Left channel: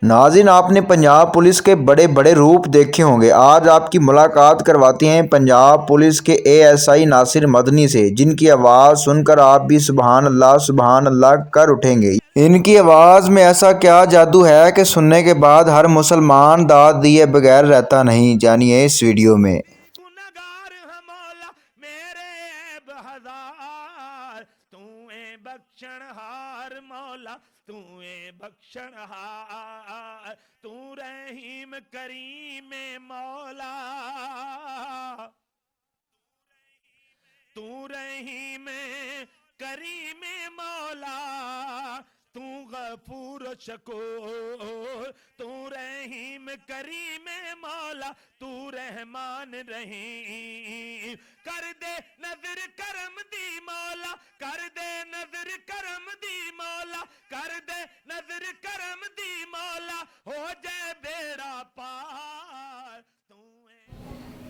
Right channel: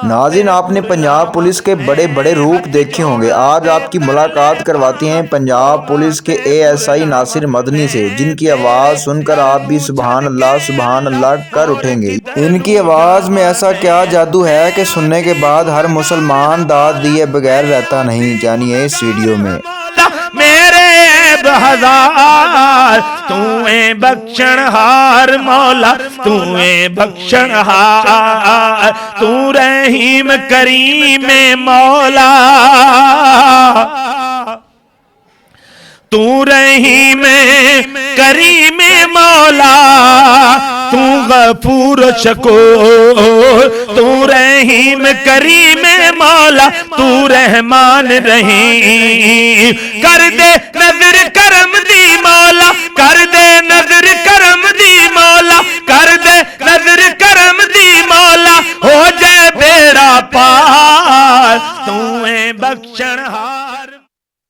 नाज़रीन, आपने पंजाब पुलिस के बड़े बड़े रूप देखे होंगे। आज आपकी मुलाकात करवाते हैं पंजाब पुलिस के एएसआई नासिर मदनी से, जिनकी आवाज़ सुनकर आप भी सुभान अल्लाह कर उठेंगे। इनकी आवाज़ में ऐसा क्या जादू है कि सुनने के बाद हर मुसलमान दाद दिए बगैर रहता नहीं। जानिए इस वीडियो में। मेरे हजार तूए बख्शनहार मौला, तूए बख्शनहार, तू रहीम करीम मौला, तू रहीम करीम मौला, तू गफूर शकूर, तू रहीम करीम मौला, तू रहमान रहीम। कर दे नजर करम दी मौला, कर दे नजर करम दी मौला, कर दे नजर करम दी मौला, हो जाए बेड़ा पार, तूए बख्शनहार।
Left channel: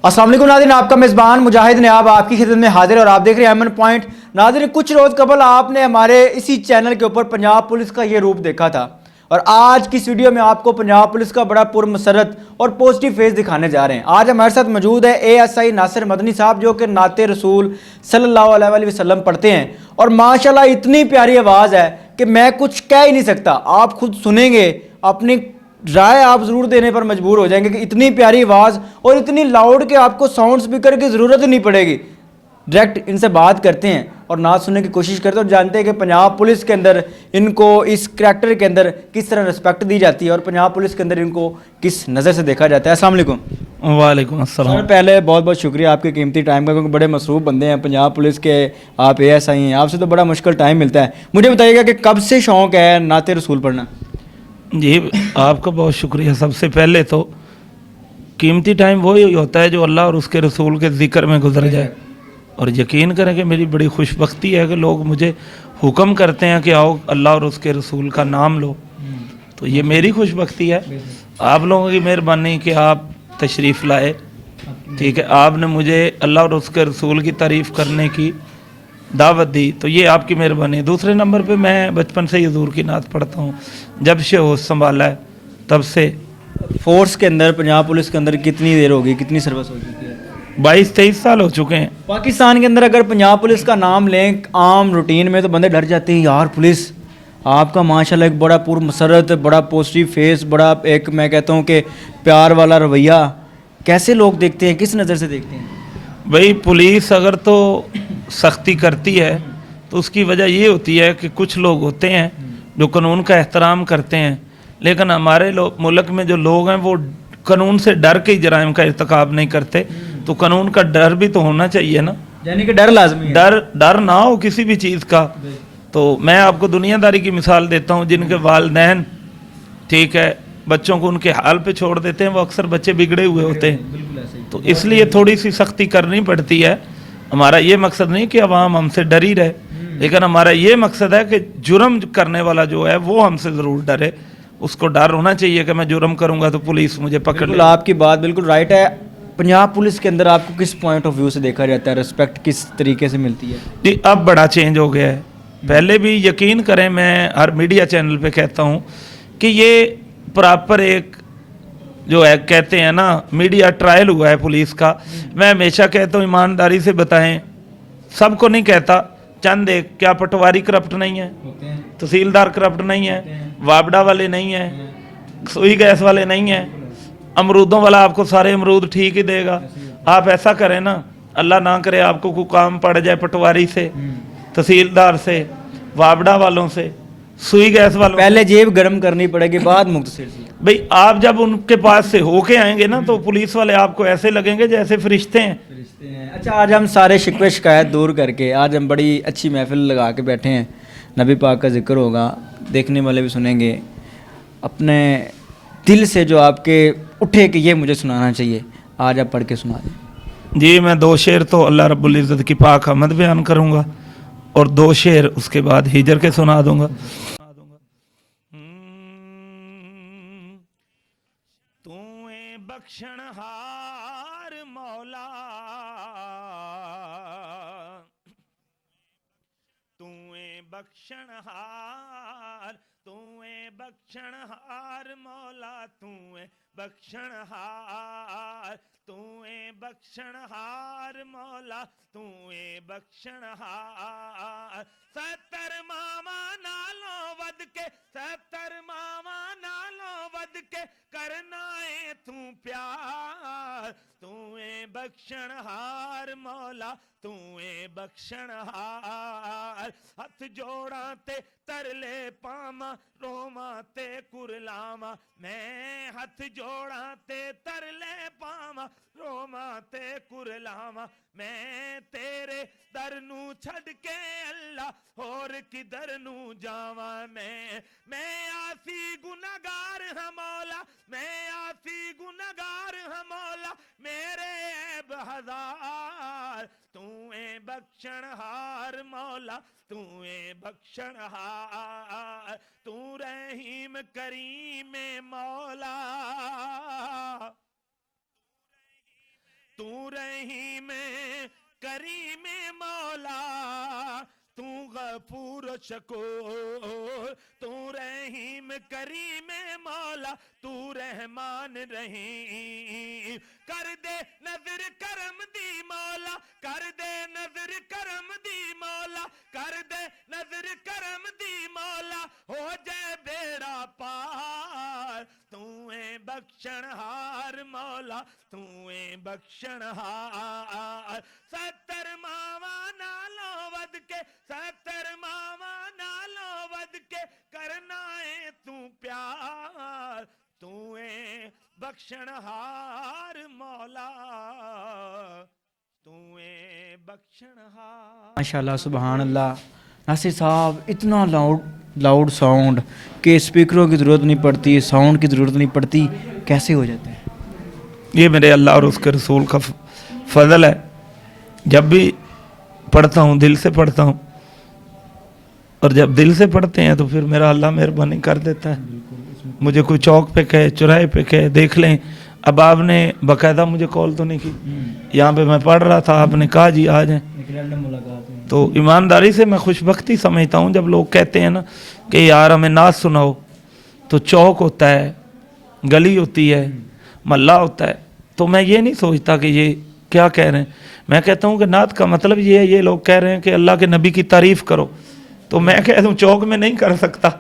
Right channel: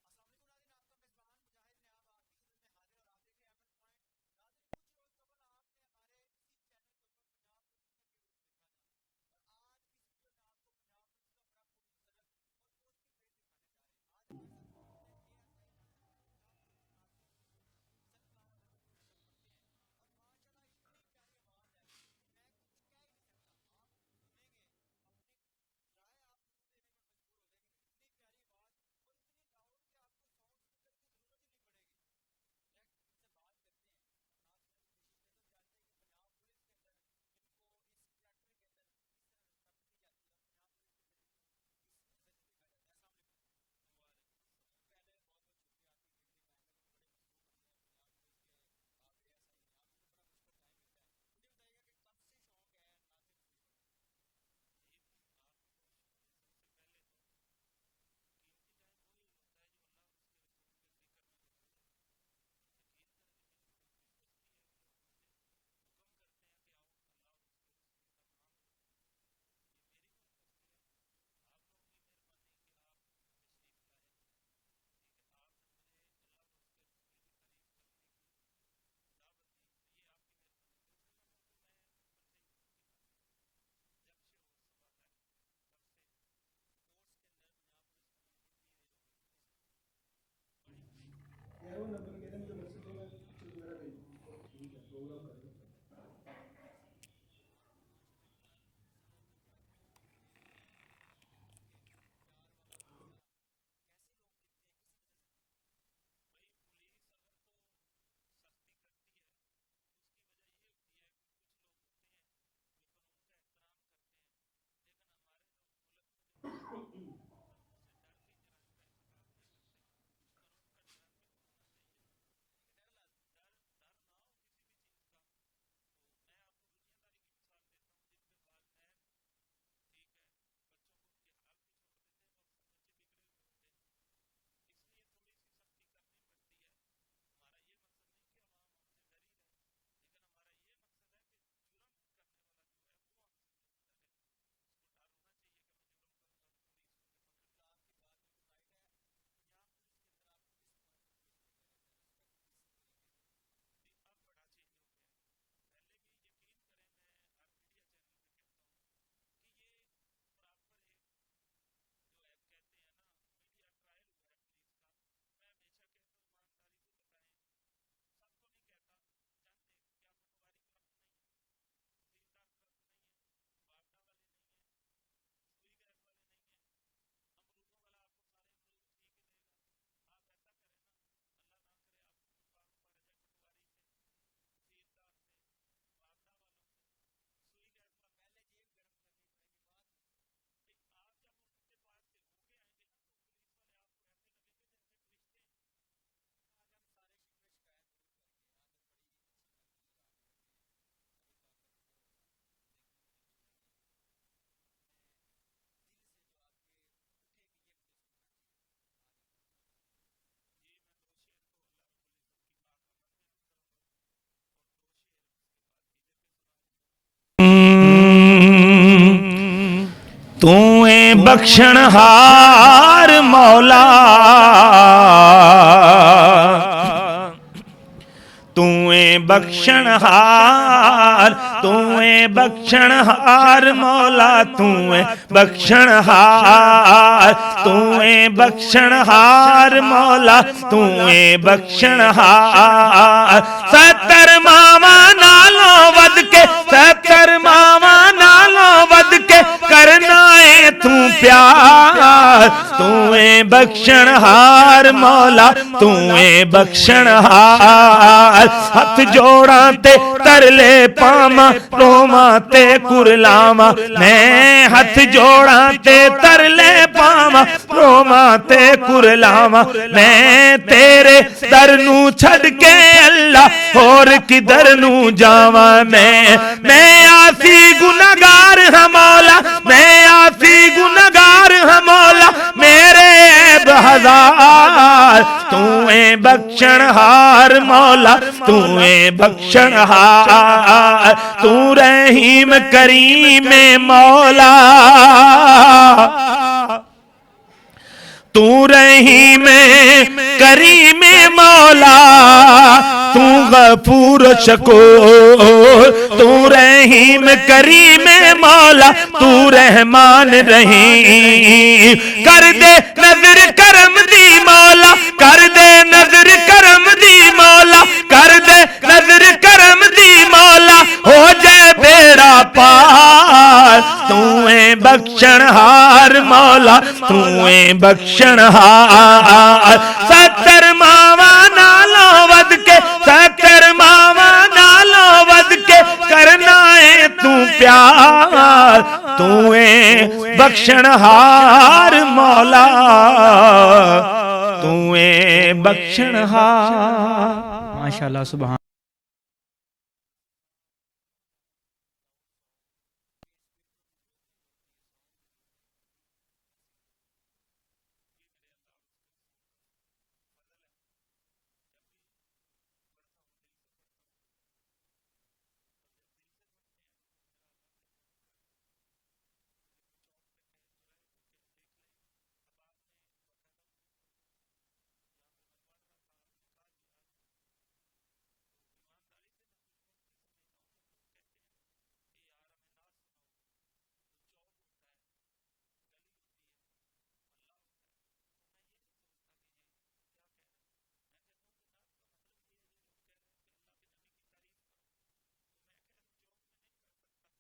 अस्सलाम वालेकुम नाज़रीन, आपका मेज़बान मुजाहिद ने आपकी खिदमत में हाजिर है और आप देख रहे हैं एमएन पॉइंट। नाज़रीन, कुछ रोज़ कबल आपने हमारे इसी चैनल के ऊपर पंजाब पुलिस का ये रूप देखा था और आज की इस वीडियो में आपको पंजाब पुलिस का बड़ा पुरमसरत और पॉजिटिव फेस दिखाने जा रहे हैं। आज हमारे साथ मौजूद है एएसआई नासिर मदनी साहब, जो कि नाते रसूल सल्लल्लाहु अलैहि वसल्लम पढ़ते हैं और माशाल्लाह इतनी प्यारी आवाज़ है कि मैं कुछ कह ही नहीं सकता। आप खुद सुनेंगे, अपनी राय आप ज़रूर देने पर मजबूर हो जाएंगे कि इतनी प्यारी आवाज़ और इतनी लाउड कि आपको साउंड स्पीकर की ज़रूरत ही नहीं पड़ेगी। डायरेक्ट इनसे बात करते हैं और नात सुनने की कोशिश करते हैं और जानते हैं कि पंजाब पुलिस के अंदर इनको इस करैक्टर के अंदर किस तरह रिस्पेक्ट दी जाती है और पंजाब पुलिस के अंदर इनको किस नज़र से देखा जाता है। अस्सलाम वालेकुम। वालेकुम अस्सलाम। सर, पहले बहुत बहुत शुक्रिया आपके कीमती टाइम का, क्योंकि बड़े मसरूफ़ बंदे हैं पंजाब पुलिस के, आप एएसआई हैं, आपसे तो बड़ा मुश्किल टाइम मिलता है। मुझे बताइएगा कि कब से शौक़ है नाते रसूल पढ़ना? जी, आपका बहुत शुक्रिया। सबसे पहले तो कीमती टाइम वही होता है जो अल्लाह और उसके रसूल के ज़िक्र में गुजर जाए, और यकीन करें कि मेरी बड़ी खुशबख्ती है कि लोग मुझे हुक्म करते हैं कि आओ अल्लाह और उसके रसूल का नाम लो, तो ये मेरी खुशबख्ती है। आप लोगों की मेहरबानी कि आप तशरीफ़ लाए, ठीक है, आपने मुझे अल्लाह और उसके रसूल की तारीफ़ करने की दावत दी, तो ये आपकी मेहरबानी। दूसरे नंबर पे मैं बचपन से ही हुजूर की नात पढ़ता हूँ, जब से होश संभाला है तब से। फोर्स के अंदर पंजाब पुलिस के अंदर कितनी देर होगी, कितनी सर्विस हो चुकी है? 22-23 साल हो चुके हैं। पाकिस्तान के अंदर अगर पंजाब पुलिस का नाम लें आम रूटीन में तो बंदे डर जाते हैं, यार पुलिस। आपका माशाल्लाह एक बड़ा पुरमसरत, बड़ा पॉजिटिव फेस, बड़ा एक मैं कहता हूँ कि प्यार वाला रवैया, कैसे लोग देखते हैं, किस नज़र से देखते हैं? भाई, पुलिस अगर तो सख्ती करती है तो उसकी वजह ये होती है कि कुछ लोग होते हैं जो कानून का एहतराम करते हैं, लेकिन हमारे मुल्क में जो लोग हैं वो कानून से डर के ही जराइम का इर्तिकाब नहीं करते। तो कानून का डर भी तो होना चाहिए ना, यानी कि डर लाजमी है। डर ना हो किसी भी चीज़ का। तो मैं आपको दुनियादारी की मिसाल देता हूँ, जिनके वालिदैन, ठीक है, बच्चों को उनके हाल पे छोड़ देते हैं, वो अक्सर बच्चे बिगड़े हुए होते हैं, तो इसलिए थोड़ी सी सख्ती करनी पड़ती है। हमारा ये मकसद नहीं कि अवाम हमसे डरी रहे, लेकिन हमारा ये मकसद है कि जुर्म करने वाला जो है वो हमसे ज़रूर डरे। उसको डर होना चाहिए कि मैं जुर्म करूंगा तो पुलिस मुझे पकड़ ले। आपकी बात बिल्कुल राइट है। पंजाब पुलिस के अंदर आपको किस पॉइंट ऑफ व्यू से देखा जाता है, रिस्पेक्ट किस तरीके से मिलती है? जी, अब बड़ा चेंज हो गया है। पहले भी यकीन करें, मैं हर मीडिया चैनल पे कहता हूँ कि ये प्रॉपर एक जो है, कहते हैं ना, मीडिया ट्रायल हुआ है पुलिस का। मैं हमेशा कहता हूँ ईमानदारी से बताएं, सबको नहीं कहता, चंद एक, क्या पटवारी करप्ट नहीं है, तहसीलदार करप्ट नहीं है, वाबड़ा वाले नहीं है, सुई गैस वाले नहीं है, अमरूदों वाला आपको सारे अमरूद ठीक ही देगा। आप ऐसा करें ना, अल्लाह ना करे आपको कोई काम पड़ जाए पटवारी से, तहसीलदार से, वाबड़ा वालों से, सुई गैस वालों, पहले जेब गर्म करनी पड़ेगी, बाद मुख्तसर से। भाई, आप जब उनके पास से होके आएंगे ना तो पुलिस वाले आपको ऐसे लगेंगे जैसे फरिश्ते हैं। अच्छा, आज हम सारे शिकवे शिकायत दूर करके आज हम बड़ी अच्छी महफिल लगा के बैठे हैं, नबी पाक का जिक्र होगा, देखने वाले भी सुनेंगे, अपने दिल से जो आपके उठे कि ये मुझे सुनाना चाहिए, आज आप पढ़ के सुना दें। जी, मैं 2 शेर तो अल्लाह रब्बुल इज़्ज़त की पाक हमद बयान करूँगा और 2 शेर उसके बाद हिजर के सुना दूँगा। तूए बख्शनहार मौला, तूए बख्शणहार, तू है बख्शणहार मौला, तू है बख्शणहार, तू है बख्शणहार मौला, तू है बख्शणहार। 70 मावा नालों वध के, 70 मावा नालों वध के करना है तू प्यार, तू है बख्शणहार मौला, तू है बख्शणहार। हथ जोड़ा ते तरले पामा, रोमा ते कुरलामा, मैं हथ जोड़ा ते तरले पामा, रोमा ते कुरलामा, मैं तेरे दर नू छड़ के अल्लाह होर किधर नू जावा। मैं आसी गुनहगार हां मौला, मैं आसी गुनहगार हां मौला, मेरे ऐब हजार, तू है बख्शणहार मौला, तू है बख्शणहार। तू रहीम करीम मौला, तू रहीम करीम मौला, तू गफूर शकूर, तू रहीम करीम मौला, तू रहमान रहीम। कर दे नजर करम दी मौला, कर दे नजर करम दी मौला, कर दे नजर करम दी मौला, हो जाए बेड़ा पार। तू है बख्शणहार मौला, तू है बख्शणहार। 70 मावा नालों वध के, 70 मावा नालों वध के करना है तू प्यार, तू है बख्शणहार मौला, तू है बख्शणहार। माशाल्लाह माशाल्लाह सुभान अल्लाह। नासिर साहब, इतना लाउड साउंड कि स्पीकरों की ज़रूरत नहीं पड़ती, साउंड की ज़रूरत नहीं पड़ती, कैसे हो जाते हैं? ये मेरे अल्लाह और उसके रसूल का फजल है। जब भी पढ़ता हूँ दिल से पढ़ता हूँ, और जब दिल से पढ़ते हैं तो फिर मेरा अल्लाह मेहरबानी कर देता है। मुझे कोई चौक पे कहे, चौराहे पे कहे, देख लें। अब आपने बाकायदा मुझे कॉल तो नहीं की, यहाँ पे मैं पढ़ रहा था, आपने कहा जी आ जाएं, तो ईमानदारी से मैं खुशबख्ती समझता हूँ जब लोग कहते हैं ना कि यार हमें नात सुनाओ। तो चौक होता है, गली होती है, महल्ला होता है, तो मैं ये नहीं सोचता कि ये क्या कह रहे हैं। मैं कहता हूँ कि नात का मतलब ये है, ये लोग कह रहे हैं कि अल्लाह के नबी की तारीफ़ करो, तो मैं कह दूँ चौक में नहीं कर सकता,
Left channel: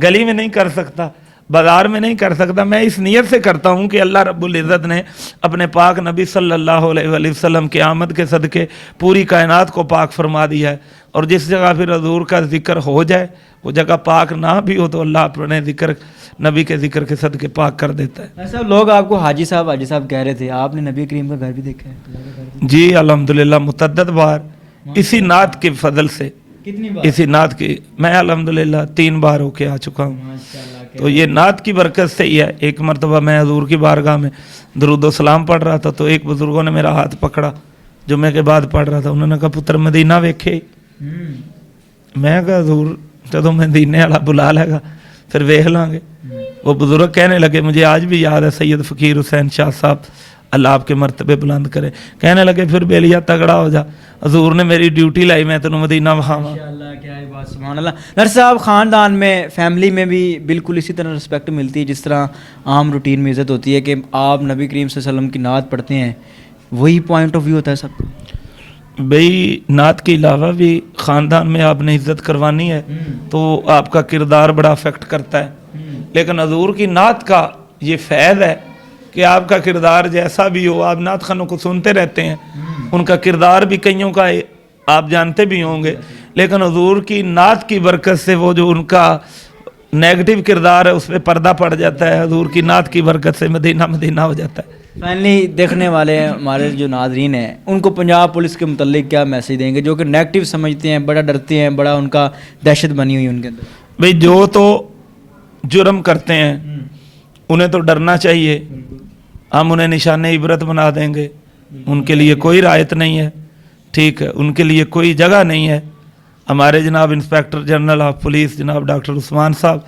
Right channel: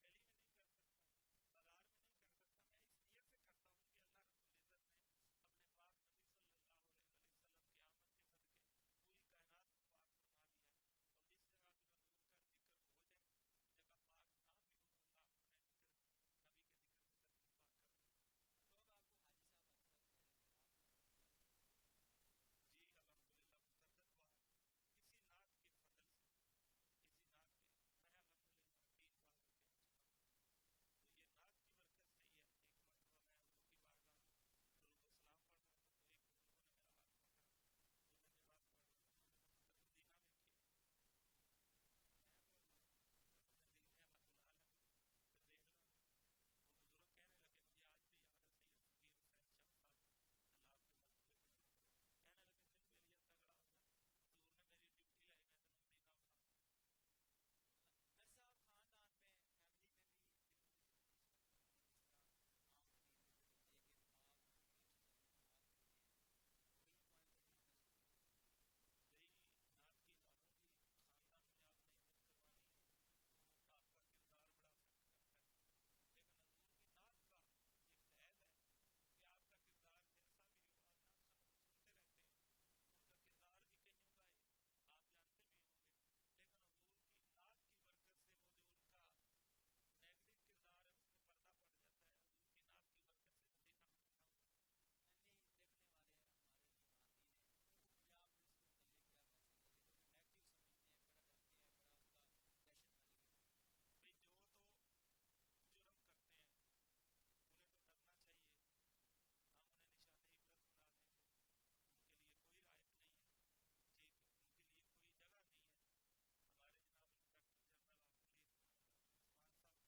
गली में नहीं कर सकता, बाजार में नहीं कर सकता। मैं इस नियत से करता हूँ कि अल्लाह रब्बुल इज़्ज़त ने अपने पाक नबी सल्लल्लाहु अलैहि वसल्लम की आमद के सदके पूरी कायनात को पाक फरमा दिया है, और जिस जगह फिर हजूर का जिक्र हो जाए वो जगह पाक ना भी हो तो अल्लाह अपने जिक्र नबी के जिक्र के सदके पाक कर देता है। ऐसा लोग आपको हाजी साहब कह रहे थे, आपने नबी करीम का घर भी देखा है? जी अल्हम्दुलिल्लाह मुतअद्दिद बार, इसी नात के फजल से, कितनी बार? इसी नात की मैं अल्हम्दुलिल्लाह 3 बार होके आ चुका हूँ। तो ये नात की बरकत से ही है। एक मरतबा मैं हजूर की बारगाह में दरूद व सलाम पढ़ रहा था, तो एक बुजुर्गों ने मेरा हाथ पकड़ा, जुम्मे के बाद पढ़ रहा था, उन्होंने कहा पुत्र मदीना वेखे। मैं कहा हजूर जदों मदीने वाला बुला लेगा फिर वेख लांगे। वो बुजुर्ग कहने लगे, मुझे आज भी याद है सैयद फ़कीर हुसैन शाह साहब, अल्लाह आपके मर्तबे बुलंद करे, कहने लगे फिर बेलिया तगड़ा हो जा, हजूर ने मेरी ड्यूटी लाई, मैं तेनों मदीना वहावा। क्या है बात, सुभान अल्लाह। नर साहब, ख़ानदान में, फैमिली में भी बिल्कुल इसी तरह रिस्पेक्ट मिलती है जिस तरह आम रूटीन में इज़्ज़त होती है कि आप नबी करीम सल्लल्लाहु अलैहि वसल्लम की नात पढ़ते हैं, वही पॉइंट ऑफ व्यू होता है सबका? भाई नात के अलावा भी ख़ानदान में आपने इज़्ज़त करवानी है तो आपका किरदार बड़ा अफेक्ट करता है, लेकिन हजूर की नात का ये फ़ैज़ है कि आपका किरदार जैसा भी हो, आप नात खानों को सुनते रहते हैं, उनका किरदार भी कईयों का आप जानते भी होंगे, लेकिन हजूर की नात की बरकत से वो जो उनका नेगेटिव किरदार है उस पर पर्दा पड़ जाता है, हजूर की नात की बरकत से मदीना मदीना हो जाता है। फाइनली देखने वाले हमारे जो नाजरीन हैं उनको पंजाब पुलिस के मुतल्लिक क्या मैसेज देंगे, जो कि नेगेटिव समझते हैं, बड़ा डरते हैं, बड़ा उनका दहशत बनी हुई उनके अंदर? भाई जो तो जुर्म करते हैं उन्हें तो डरना चाहिए, हम उन्हें निशान इबरत बना देंगे, उनके लिए कोई रायत नहीं है, ठीक है, उनके लिए कोई जगह नहीं है। हमारे जनाब इंस्पेक्टर जनरल ऑफ पुलिस जनाब डॉक्टर उस्मान साहब,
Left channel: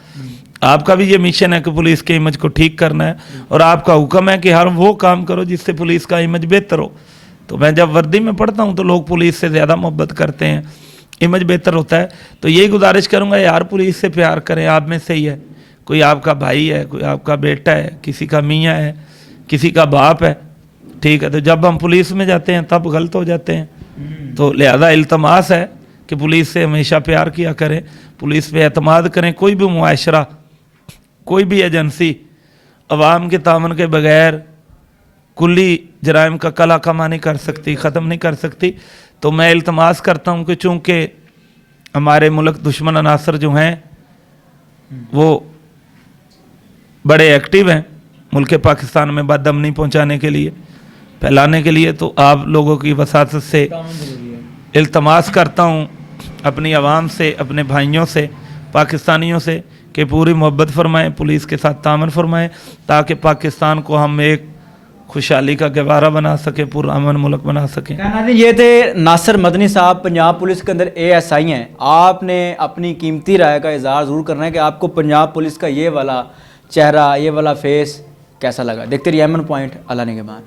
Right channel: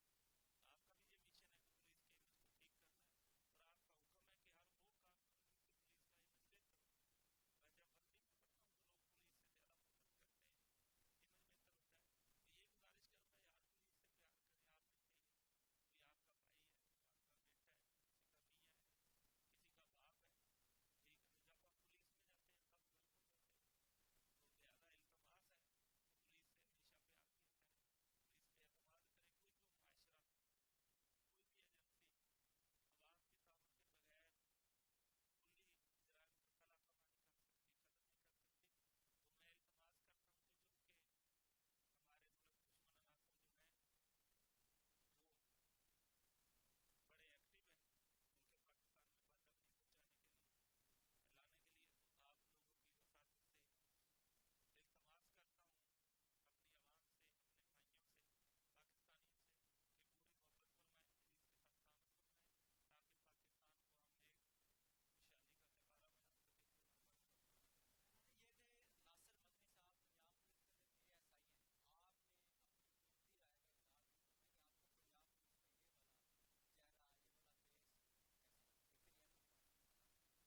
आपका भी ये मिशन है कि पुलिस के इमेज को ठीक करना है, और आपका हुक्म है कि हर वो काम करो जिससे पुलिस का इमेज बेहतर हो। तो मैं जब वर्दी में पढ़ता हूँ तो लोग पुलिस से ज़्यादा मोहब्बत करते हैं, इमेज बेहतर होता है। तो यही गुजारिश करूंगा यार, पुलिस से प्यार करें, आप में से ही है, कोई आपका भाई है, कोई आपका बेटा है, किसी का मियाँ है, किसी का बाप है, ठीक है। तो जब हम पुलिस में जाते हैं तब गलत हो जाते हैं। तो लिहाजा इल्तमास है कि पुलिस से हमेशा प्यार किया करें, पुलिस पे एतमाद करें। कोई भी मुआशरा, कोई भी एजेंसी अवाम के तामन के बगैर कुल्ली जराइम का कला कमा नहीं कर सकती, ख़त्म नहीं कर सकती। तो मैं इल्तमास करता हूँ कि चूँकि हमारे मुल्क दुश्मन अनासर जो हैं वो बड़े एक्टिव हैं मुल्क पाकिस्तान में बदअमनी पहुँचाने के लिए, फैलाने के लिए, तो आप लोगों की वसात से इल्तमास करता हूँ अपनी आवाम से, अपने भाइयों से, पाकिस्तानियों से कि पूरी मोहब्बत फरमाएं, पुलिस के साथ तामन फरमाएं, ताकि पाकिस्तान को हम एक खुशहाली का गवारा बना सके, पुरअमन मुल्क बना सकें। नाज़रीन, ये थे नासिर मदनी साहब, पंजाब पुलिस के अंदर ASI हैं। आपने अपनी कीमती राय का इज़हार ज़रूर करना है कि आपको पंजाब पुलिस का ये वाला चेहरा, ये वाला फेस कैसा लगा। देखते रहिए एमएन पॉइंट। अल्लाह निगहबान।